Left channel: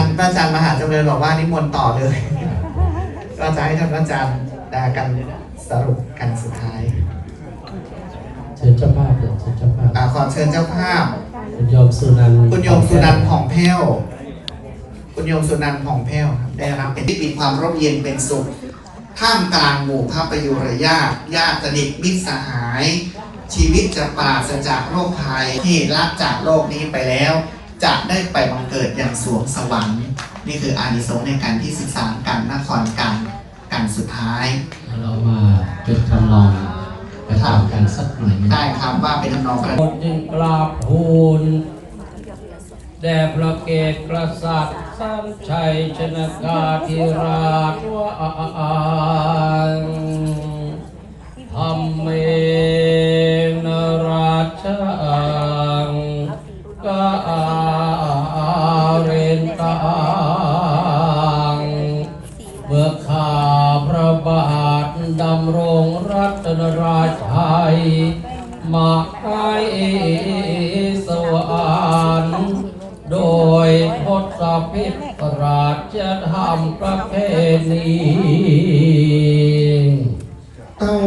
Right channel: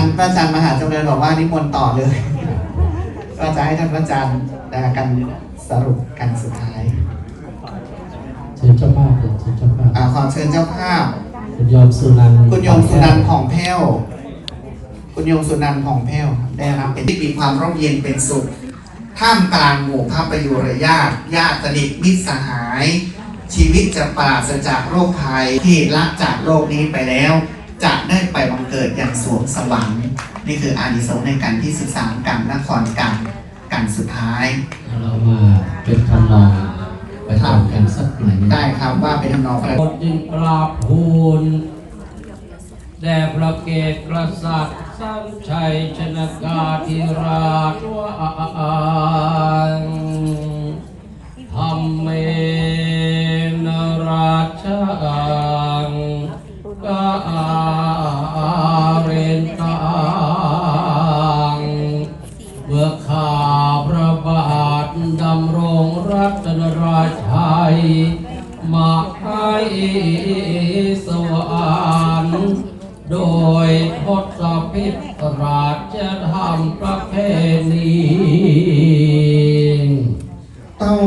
ารย์พระอาจารย์มหาจำเริญบอกว่านิมนต์ต่อเลย ก็จะให้ท่านพระอาจารย์นะกันสรุปกันสุดท้ายเชิญเจ้าภาพเลยเชิญเจ้าภาพอ่าขอเชิญเจ้าภาพ คุณโยมสุนันท์คุณโยมสุนันท์ผ่องแผ้วคุณโยมสุนันท์ผ่องแผ้วครับได้รับเป็นที่มีความร่มเย็นเป็นสุขท่ามกลางหมู่พระประยุรญาติญาติสนิทมิตรสหาย ชีวิตจะปราศจากโรคภัยที่ละจากโลกนี้ไปแล้ว จะได้ไปบังเกิดอย่างสวงสวรรค์นี่คืออานิสงส์ในการที่ศึกษาการนครกันกันสุดท้าย เรามาเป็นทำนองประกอบกันสักหน่อยหนึ่งได้ครับว่าเป็นทำนองประหมดจึงกราบทูลแด่พระเกศกษัตริย์สันชัยชนกาธิราชว่าธรรมเม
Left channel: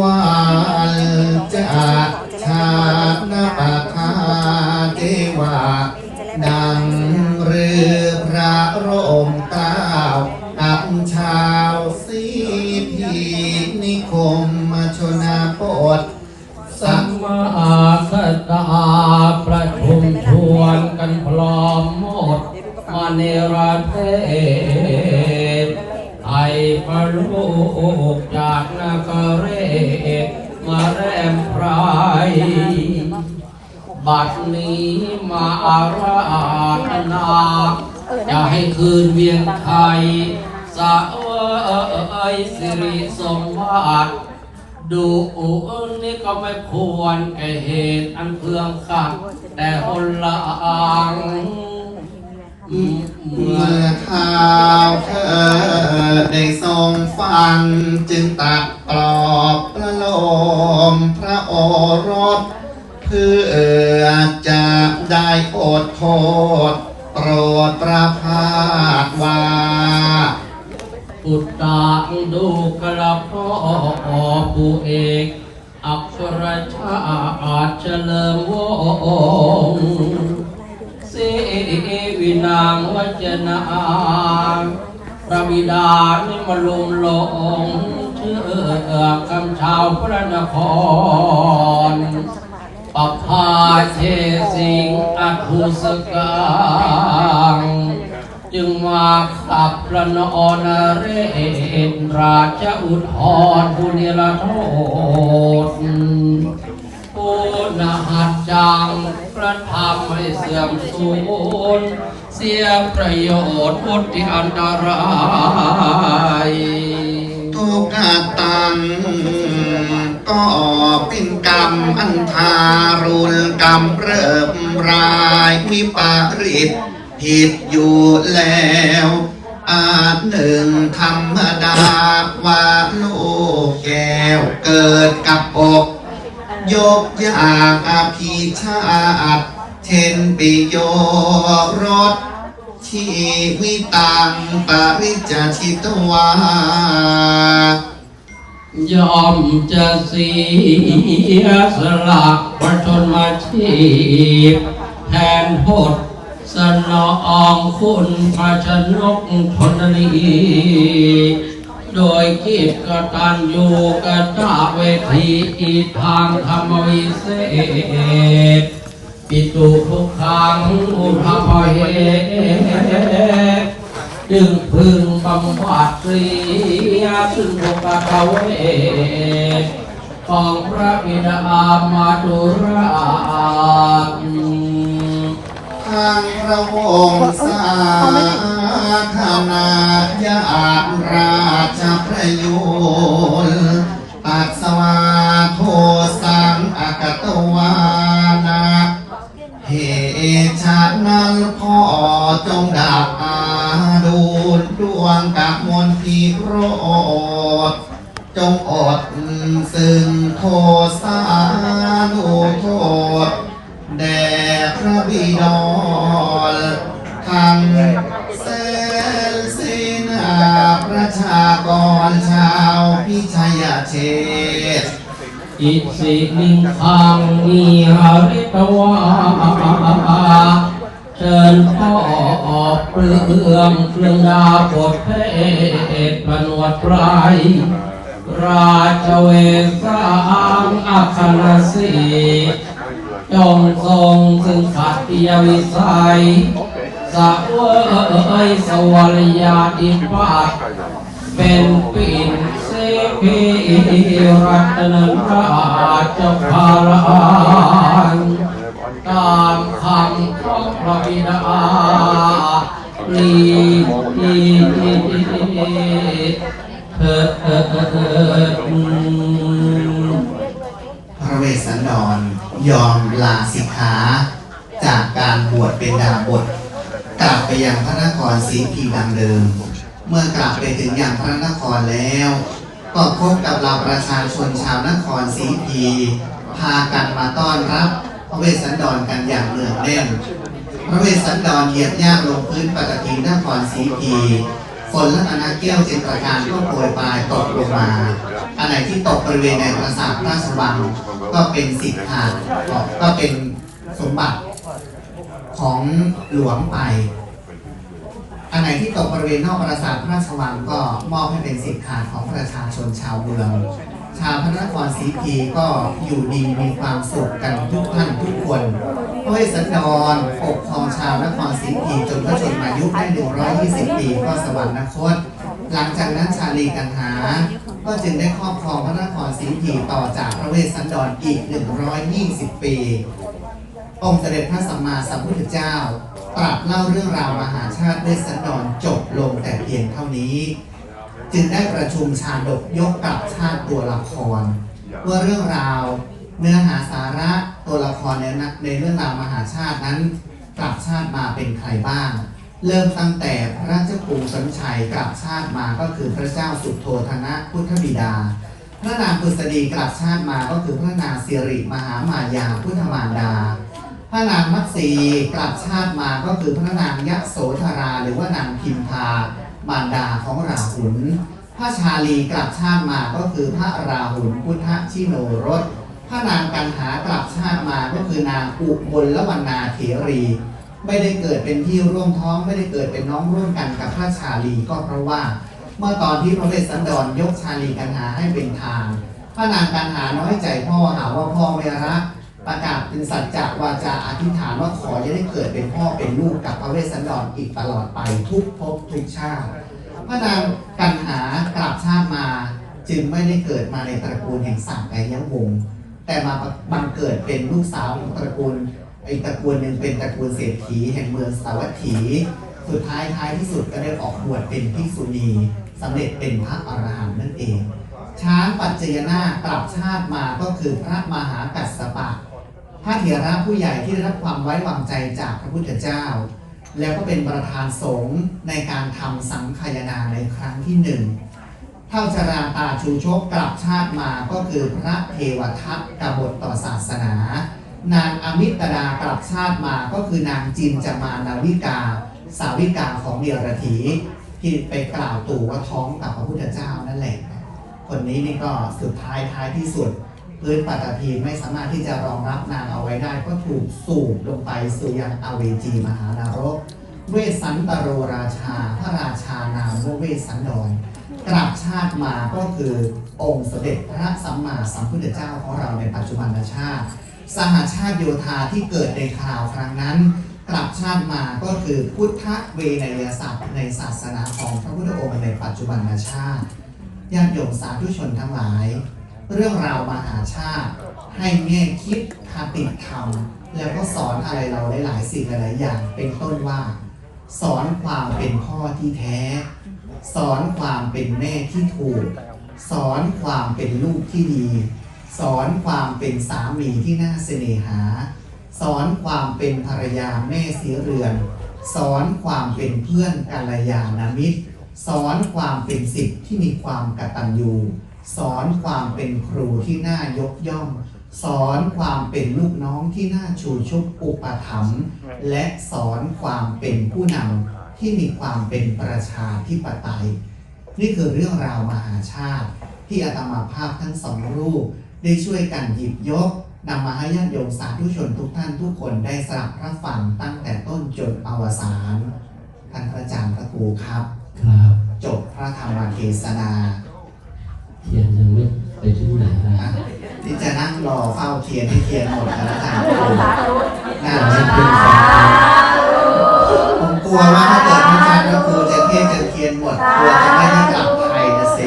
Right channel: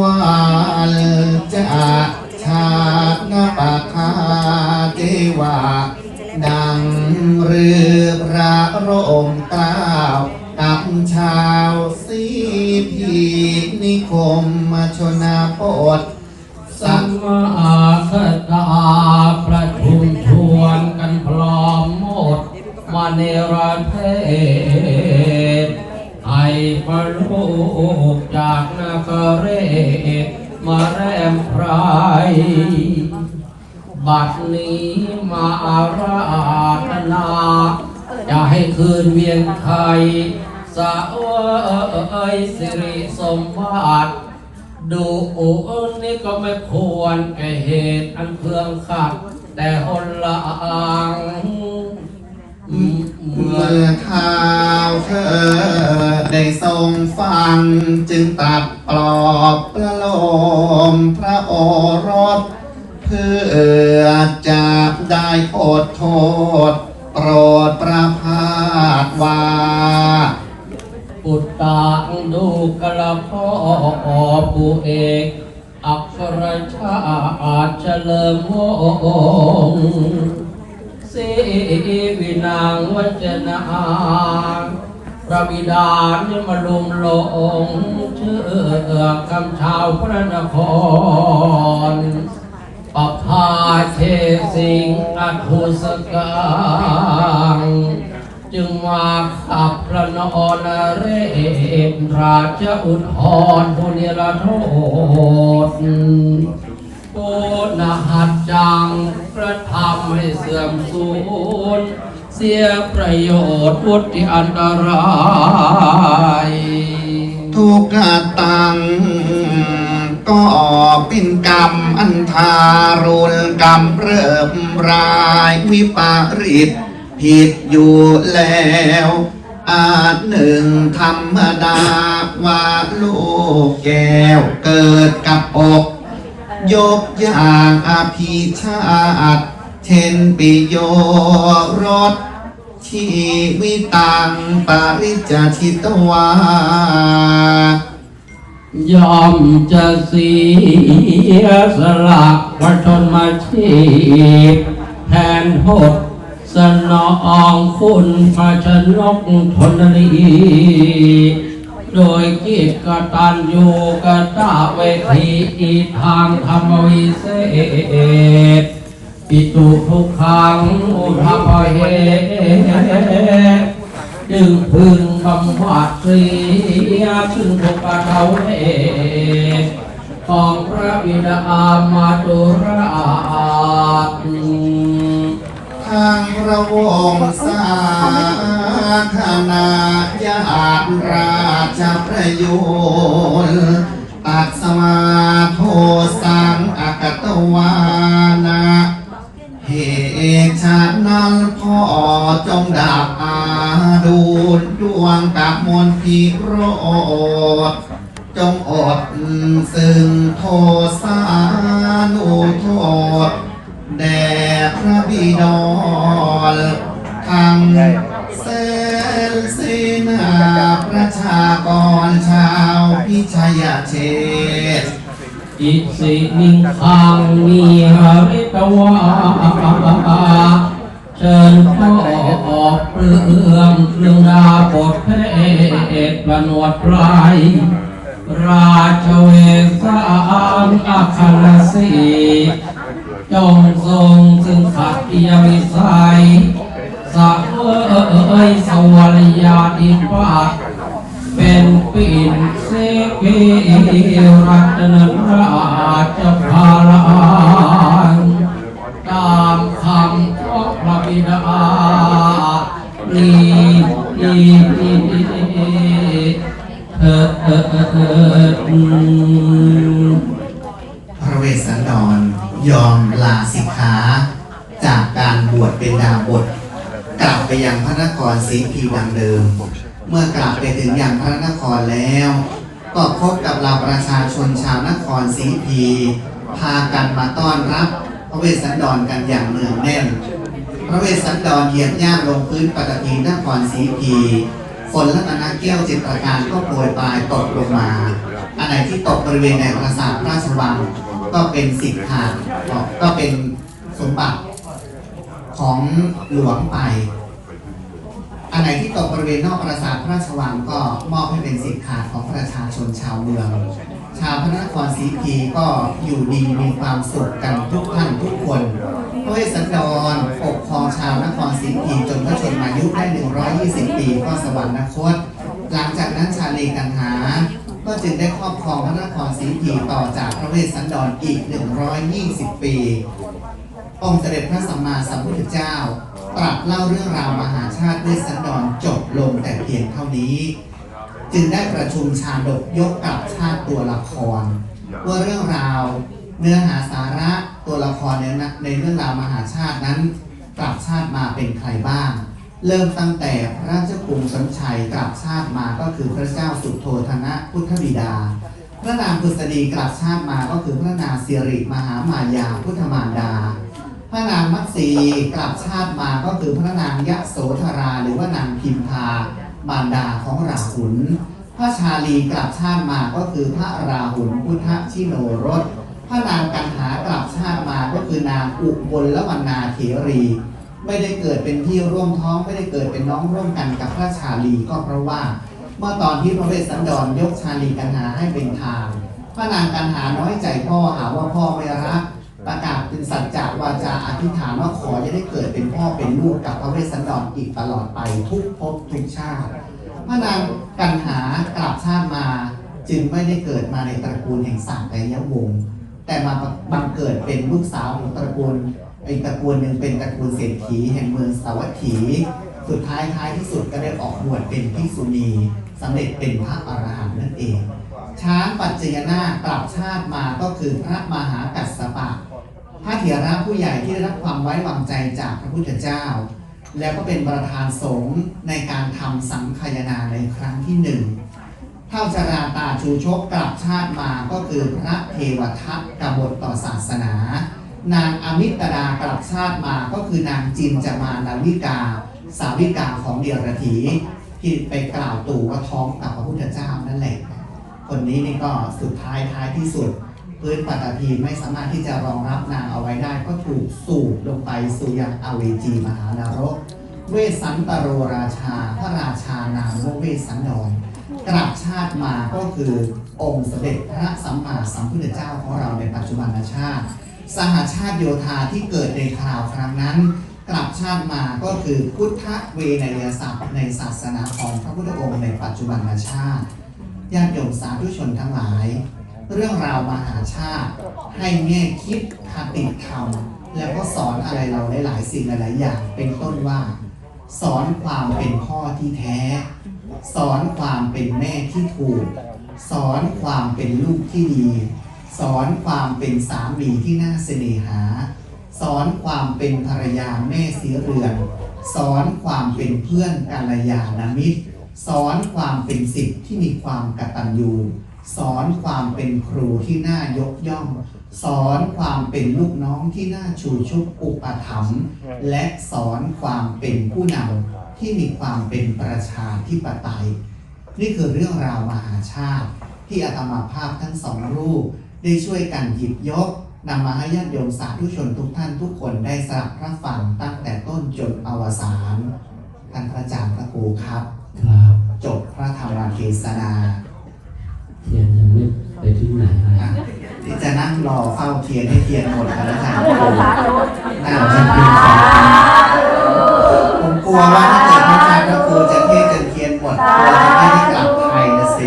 วาลจะชาตินปะคาเทวานัง สะเอยสิริสมบัติดูอุนี่ก็ไม่ควรแก่เหตุอันเพื่องขัดแต่คนละอังเมื่ออเท้าเธอได้ทรงฟัง จึงตัดปลอบประโลมพระโอรส เพื่อจะได้อดโทษ วินางวัจนาพระบิดานิมลุมลงเชื่อกำชาวพระนครปภาเชสิงห์อคุสกังจึงมาขับพระนอนเรศราชอุทธรผู้นิรโทษูนหัดจังประทำให้เสื่อมสูญเสียประโยชน์อุทิอันตรายทุกตังก็เป็นกรรมอันทารุณกรรมเริ่มรายวิปาริตผิดอยู่แล้วอาจหนึ่งธรรมดาว่าลูกแก้วเกิดกับอก ยกอย่างอภิชาติเช่นปิโยรสชีวิตังปริจจชิตวายอมจะเสียสละประชนมาชีพแทนโทษสนองคุณพระชนกชนนี โดยกิจกตันอยู่กตาเวทีอีทางธรรมวิเศษปิตุทุกขังอุทาเหตจึงพึงบำบัดเสียซึ่งทุกขเทวเอกของพระบิดามาตุ ดวงกะมนทีโรจงอดซึ่งโทสานุโทษแด่พระบิดอลทังเซลสินาประชากรชาวพิชยเชษอิสินิคังนิหริตวา กเปลืองเครื่องดาบทเพศประนวดไพรราชเวสรามอัครศรีจงทรงซึ่งขัตยวิสัยสักเอ้ยสวรรยาธิปัตย์เป็นปิ่นสิพีรัตนราชพาลานตามคำของพระบิดา พระเวสสันดรยอมลาสิกขาจากการบวชเป็นดาบทกลับไปยังพระนครศรีพีดังเดิม เมื่อกลับไปถึงยังพระนครแล้วก็พบกับเราประชาชนชาวนครศรีพีพากันมาต้อนรับพระเวสสันดรกันอย่างเนืองแน่น พระเวสสันดรเหยียบย่างลงพื้นปฐพีนครศรีพีฝนและตนาแก้วเจ็ดประการก็โปรยปลายตกลงมา อะไรที่ตกบริเวณในปราสาทพระราชวังก็เป็นสิทธาก็เป็นสมบัติของหลวงไป อันไหนที่ตกบริเวณนอกปราสาทพระราชวังก็มอบให้เป็นสิทธิ์ขาดของประชาชนชาวเมือง ชาวพระนครศรีพีก็อยู่ดีมีความสุขกันทุกท่านทุกคน ด้วยสันดรปกครองชาวนครศรีพีจนพระชนมายุได้ 120 ปีก็สวรรคต หลังจากนั้นชาลีกันหา ก็จึงได้ครอบครองพระนครศรีพีต่อจากพระเวสสันดรอีก 120 ปี องค์เสด็จพระสัมมาสัมพุทธเจ้า ตรัสเล่าเรื่องราวมหาชาติด้วยสันดรจบลงแต่เพียงเท่านี้ จึงได้ประชุมชาดกยกกลับชาติตัวละครว่าเรื่องราวเนื้อหาสาระ ตัวละครในนในเรื่องราวมหาชาตินั้นกลับชาติมาเป็นใครบ้าง เริ่มตั้งแต่พระเจ้ากรุงสนชัยกลับชาติมาก็คือพระเจ้าสุโธธนะพุทธบิดา พระนางพุษดีกลับชาติมาก็คือพระนางสิริมหามายาพุทธมารดา พระนางมัตสีกลับชาติมาก็คือพระนางยะโสธราหรือว่านางพิมพามารดาของราหุลพระชาลีกลับชาติมาก็คือพระราหุลพุทธชิโนรส พระนางกันหากลับ ชาติมาก็คือนางอุบลละวันนาเถรี ไม่ได้เกิดเป็นพี่ร่วมท้อง ไม่ได้เกิดเป็นน้องร่วมกันกับพระชาลีก็เพราะว่า เมื่อตอนที่พระเวสสันดรยกชาลีกันหาให้เป็นทานพระนางกันหาน้อยใจพ่อหาว่าพ่อไม่รักประกาศเป็นสัจจะวาจาอธิษฐานว่าขอจะได้เกิดเป็นพ่อเป็นลูกกับพระเวสสันดรอีกตลอดไปทุกภพทุกชาติพระนางกันหากลับชาติมา จึงไม่ได้เกิดมาในตระกูลแห่งสังกยวงศ์ แต่มาบังเกิดเป็นลูกสาวของตระกูลอีกตระกูลหนึ่งเป็นตระกูลเศรษฐีแห่งเมืองสาวัตถี สุดท้ายท้ายที่สุดก็ได้ออกบวชเป็นภิกษุณีสำเร็จเป็นพระอรหันต์นั่นเอง ช้างปัจจยนากลับชาติมาก็คือพระมหากัสสปะ พระเถระผู้ใหญ่ที่ได้รับความไว้วางใจจากพระพุทธเจ้า แล้วก็เป็นประธานสงฆ์ในการทำสังฆายนาในครั้งที่หนึ่ง เท่าชราตาชูชกกลับชาติมาก็คือพระเทวทัตกบฏต่อศาสนา นางอมิตดากลับชาติมาก็คือนางจินจามานาวิกา สาวิกาของเดียรถีที่ไปกล่าวตู่ว่าท้องกับพระพุทธเจ้านั่นแหละ คนนี้นี่ก็สุดท้ายท้ายที่สุด พื้นปัตตภีไม่สามารถที่จะรองรับนางเอาไว้ได้ ก็ถูกสูบลงไปสู่ยังอเวจีมหานรก เวสันตโรราชา พระราชานามว่าเวสสันดร กลับชาติมาก็คือองค์เสด็จพระสัมมาสัมพุทธเจ้าของเราในปัจจุบันชาติ สหชาติโยธาที่เกิดในคราวครั้งนั้น กลับชาติมาก็คือพุทธเวนยศัพท์ในศาสนาของพระพุทธองค์ในปัจจุบันชาติญาติโยมสาธุชนทั้งหลาย เรื่องราวมหาชาติ ให้แง่คิดคติธรรม แล้วก็สอนอะไรเราได้หลายสิ่งหลายๆอย่าง เป็นต้นว่า สอนความเป็นพ่อที่แท้ สอนความเป็นแม่ที่ถูก สอนความเป็นลูกที่ดี สอนความเป็นสามีที่น่าเสน่หา สอนความเป็นภรรยาแม่สีเรือน สอนความเป็นเพื่อนกัลยาณมิตร สอนความเป็นสิทธิ์ที่มีความกตัญญูสอนความเป็นครูที่น่ายกย่อง สอนความเป็นลูกน้องที่น่าชูชุบอุปถัมภ์และสอนความเป็นผู้นำ ที่มีความเป็นประชาธิปไตย นี่คือเรื่องราวมหาชาติ ที่อาตมาภาพทั้งสองรูป ได้ช่วยกันหยิบยกนำมาให้ญาติโยมสาธุชนทุกท่านทุกคนได้สลับรับฟังตั้งแต่ต้นจนอวสานท่านพระอาจารย์พระครูครับ ครับจบพระธรรมเทศนาเทียนยังไม่ไปที่ไหนเลยอะที่จะนั่งรอเฝ้าเทียนให้เทียนหมดพระอาจารย์ครูน่าจะจะเป็นขอบคุณผมก ลัวว่าถ้าเกิดพระอาจารย์พระครูจะเทศจะเทียนหมดกลัวจะไม่ได้กลับไทยนะเซ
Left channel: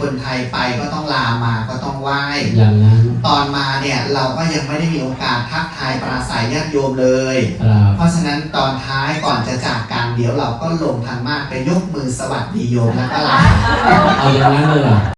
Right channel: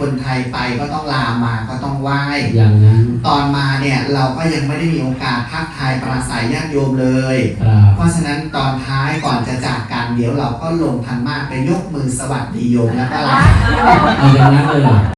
คนไทยไปก็ต้องลามาก็ต้องไหว้อย่างนั้นตอนมาเนี่ยเราก็ยังไม่ได้มีโอกาสทักทายปราศัยญาติโยมเลยครับเพราะฉะนั้นตอนท้ายก่อนจะจากกันเดี๋ยวเราก็ลงทางมากไปยกมือสวัสดีโยมแล้วก็ลาเอาอย่างนั้นเลยเหรอ